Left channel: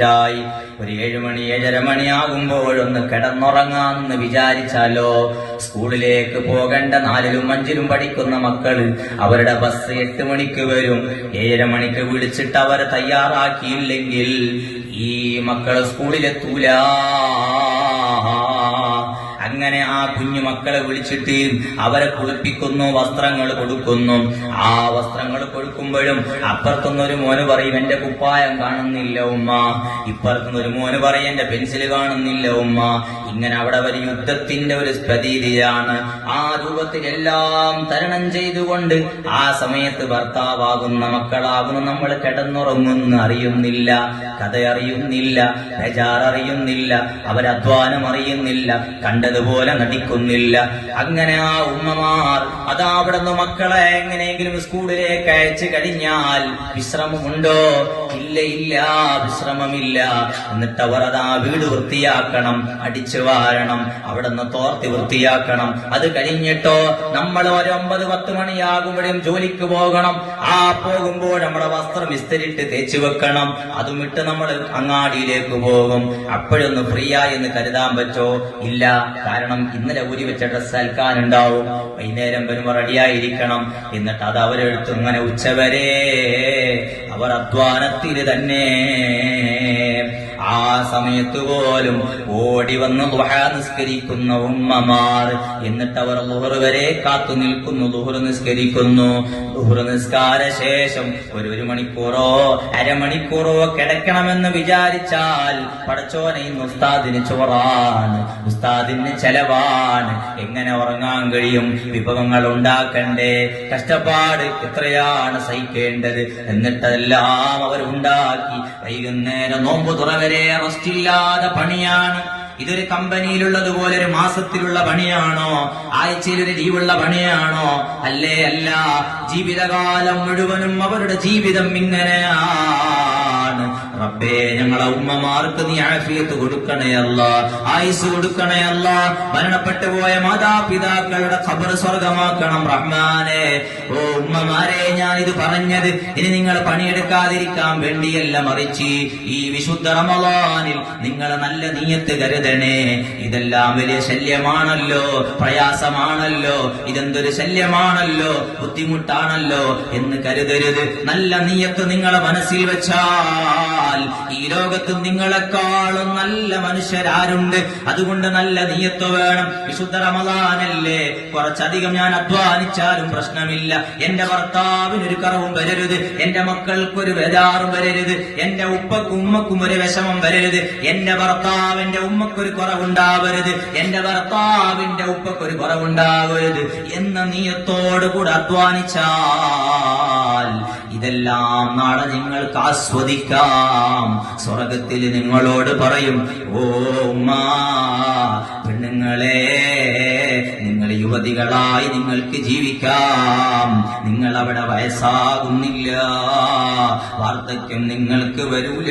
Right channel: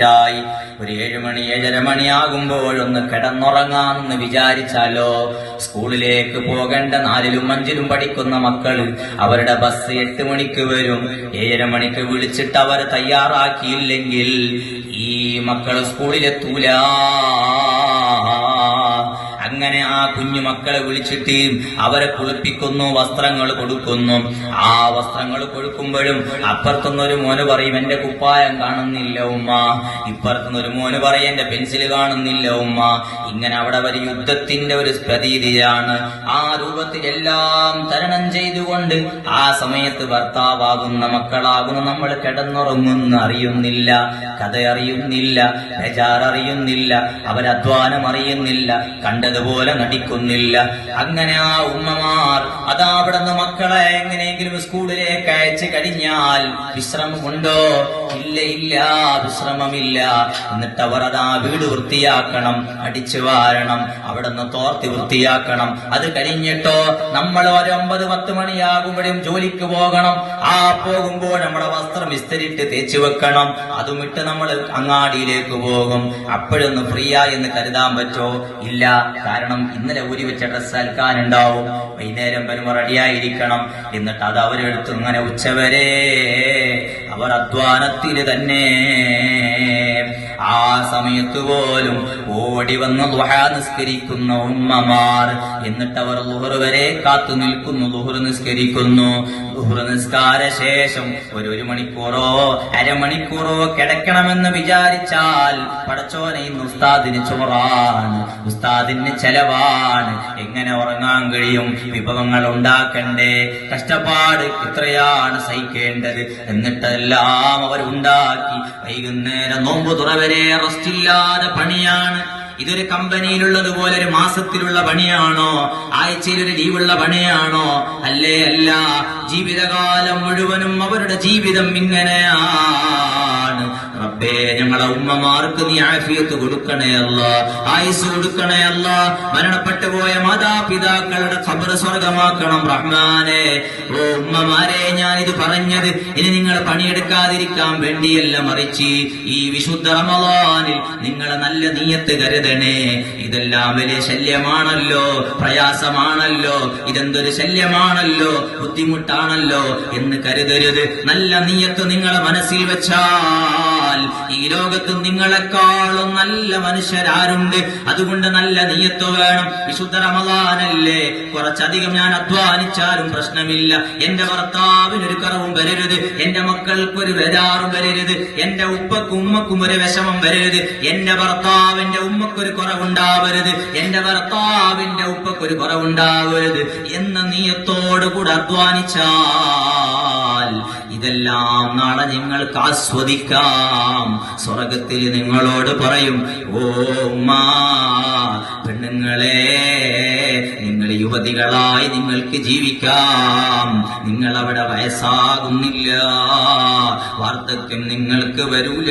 ായി ഒരു ഏഴുമണി ഏഴര മണിയാകുമ്പോഴൊന്ന് കിടന്നുറങ്ങാമെന്ന് വിചാരിച്ചാലോ? സ്കൂളിലേക്ക് പോകേണ്ട നാലിലും അഞ്ചിലും പഠിക്കുന്ന മക്കൾ അവരുടെ ബസ് എട്ട് മണിക്ക് വരും. ഏഴര മണിക്ക് വിളിച്ചിട്ട് അവർ തയ്യാറാക്കിയില്ലെങ്കിൽ ഈ മക്കൾ സ്കൂളിലെത്തൂല. അങ്ങനെ ആ കുഞ്ഞു മക്കളെ വിളിച്ചിട്ട് അവരെ കുളിപ്പിക്കുന്നു വസ്ത്രങ്ങൾ കൊടുക്കുന്നു. ആ വസ്ത്രങ്ങൾ കൊടുക്കുമ്പോഴും അപ്പുറത്തുനിന്നൊരു മോന് പറയും എന്റെ കുപ്പായം കാണുന്നില്ല ഉമ്മ. ഇപ്പുറത്തുനിന്നൊരു മോന് പറയും എന്റെ പെൻസിൽ കാണുന്നില്ല ഉമ്മ. ഇങ്ങനെ അവിടെ ഒരു യുദ്ധത്തിന്റെ ഒരു പ്രതീതിയാണ്. ആ രൂപത്തിൽ എല്ലാം തരണം ചെയ്തുകൊണ്ട് ആ സമയത്ത് ഭർത്താവാകുന്ന മക്കളാകുന്ന. നമ്മൾ കിടന്നുറങ്ങുന്ന. അറിയുന്നില്ല. കഥ അറിയുന്നില്ല. അറിയുന്നില്ല അവരധ്വാനം അറിയുന്നില്ല. കണ്ടതുപോലെ നടിക്കുന്നില്ല. അങ്ങനെ ആ ഉമ്മമാർ അതാ മക്കളെ എങ്ങനെയെങ്കിലും സ്കൂളിലേക്ക് അയച്ചു കഴിഞ്ഞാൽ വിശ്രമമുണ്ടോ? ഇല്ല ഇല്ല വിശ്രമമില്ല. എന്നിട്ട് അവർ അതാ വീട് വൃത്തിയാക്കണം അടിച്ചു വാരണം അവിടെ നിന്ന് തോർത്തി വൃത്തിയാക്കണം. അത് കഴിഞ്ഞിട്ടോ നമ്മൾ ഒരു ഒമ്പത് പത്ത് മണിയാകുമ്പോഴും ജോലിക്ക് പോകണം. ആ പോകുമ്പോൾ നമ്മുടെ വസ്ത്രം വിസ്തരിട്ട് തേച്ചു വെക്കണം. അതും ഇട്ട് നമ്മൾ അങ്ങാടിയിലേക്ക് പോകും. അപ്പോഴൊന്ന് ഫ്രീ ആയി എന്ന് കരുതാൻ പറ്റോ? ഇല്ല. കാരണം ഇന്നലെ ഊരി വെച്ച ഡ്രസ്സ് അൽക്കാനുണ്ടാവും. വൈകുന്നേരം വരുമ്പോ റെഡിയായിരിക്കണം. എന്നിട്ട് അത് അവരെടുത്ത് ഇങ്ങനെ ഉച്ചവരെ അവർ അധ്വാനത്തിൽ തന്നെ ആ സമയത്ത് പോലും ഓടി വന്ന് നിസ്കരിക്കുന്ന ഉമ്മമാർ. എന്നിട്ടവർ ലുഹർ വരെ കാത്തു നിൽക്കുന്നു. ലുഹർ നിസ്കരിക്കുന്നു. ലുഹർ നിസ്കാര ശേഷം ഒരു ഒരു മണിക്കൂറോ അരമണിക്കൂറോ കിടക്കണമെന്ന് വിചാരിച്ചാൽ പടച്ചോനെ ഉസ്താദിന് ചോറാണ്. ഉസ്താദിന് ചെലവാണ്. എങ്ങനെ ഉറങ്ങാൻ കഴിയും? വിഭവങ്ങൾ ഉണ്ടാക്കണ്ടേ? കഷ്ടപ്പാട് എത്രയാണ് സഹിക്കേണ്ടത്? എന്നിട്ടെല്ലാം അവർ ഉണ്ടാക്കി വൈകുന്നേരം നോമ്പ് തുറവരെ റെസ്റ്റില്ലാതെ പണിയാണ്. ഇതൊരു കമ്പനിയിലുള്ളതുപോലെ ഒരു മാസത്തിലുള്ള പണിയാണോ? ആഴ്ചയിൽ ഒരു ലീവുള്ള പണിയാണോ? അല്ലേ അല്ല. ജീവിതകാലം മുഴുവനും അവരുടെ ജീവിതം ഇങ്ങനെയാണ്. റബ്ബേ ഞങ്ങളെ ഉമ്മമാർക്ക് നീ ആഫിയത്ത് കൊടുക്കണേ അല്ല ആയുസ് കൊടുക്കണേ അല്ല. മരണപ്പെട്ടു പോയ മാതാപിതാക്കളുടെ ഖബർ സ്വർഗമാക്കണം റഹ്മാനെ. ഓ ഉമ്മമാരെ ഞാൻ ഇത് പറഞ്ഞത് ഇനി നിങ്ങൾ പണിയെടുക്കാതിരിക്കാൻ വേണ്ടിയല്ല മറിച്ച് ഈ വിശുദ്ധ റമദാനിൽ നിങ്ങളെ നല്ല നീയത്ത് കരുതണേ. ഇതെല്ലാം വലിയ ശല്യമാണല്ലോ പ്രയാസമാണല്ലോ ഇതെന്തൊരു ശല്യമാണല്ലോ ബുദ്ധിമുട്ടാണല്ലോ എന്ന് കരുതരുത്. നല്ല നീയത്ത് നിങ്ങളെ മനസ്സിൽ വെച്ചാൽ ഈ ലോകത്ത് നിങ്ങളെക്കാളും നല്ല മനുഷ്യരാരുണ്ട്. അതുകൊണ്ട് നല്ല നീയത്ത് വേണം. വിശുദ്ധ റമദാനല്ലേ? കുറച്ചധികം ഞാൻ അധ്വാനിച്ചാലും പ്രശ്നമില്ല. എന്റെ ഭർത്താവിന് ഒരു കറവും വരരുത്. എന്റെ മക്കൾക്കൊരു ബേജാറും വരരുത്. എന്റെ ഉപ്പക്കും ഉമ്മക്കും ഒരു വിഷമം വരരുത്. എന്റെ ഭർത്താവിന്റെ ഉമ്മക്കൊരു കുറവുണ്ടാവരുത്. എന്റെ ഭർത്താവിന്റെ ഉപ്പക്കൊരു കുറവുണ്ടാവരുത്. എന്ന നീയത്തോടുകൂടെ അധ്വാനിച്ചാ ഇതെല്ലാം നാളെ നിങ്ങൾക്ക് ആസ്വദിക്കാം. സ്വർഗത്തിൽ നിങ്ങളോട് പറയും ഓ പെണ്ണുങ്ങളെ നിങ്ങൾ യുവതികളായി നിങ്ങൾക്ക് ജീവിക്കാം. നിങ്ങൾ അവിടെ വയസ്സാകുന്നില്ല. വാർദ്ധക്യം നിങ്ങൾക്ക് വരൂല.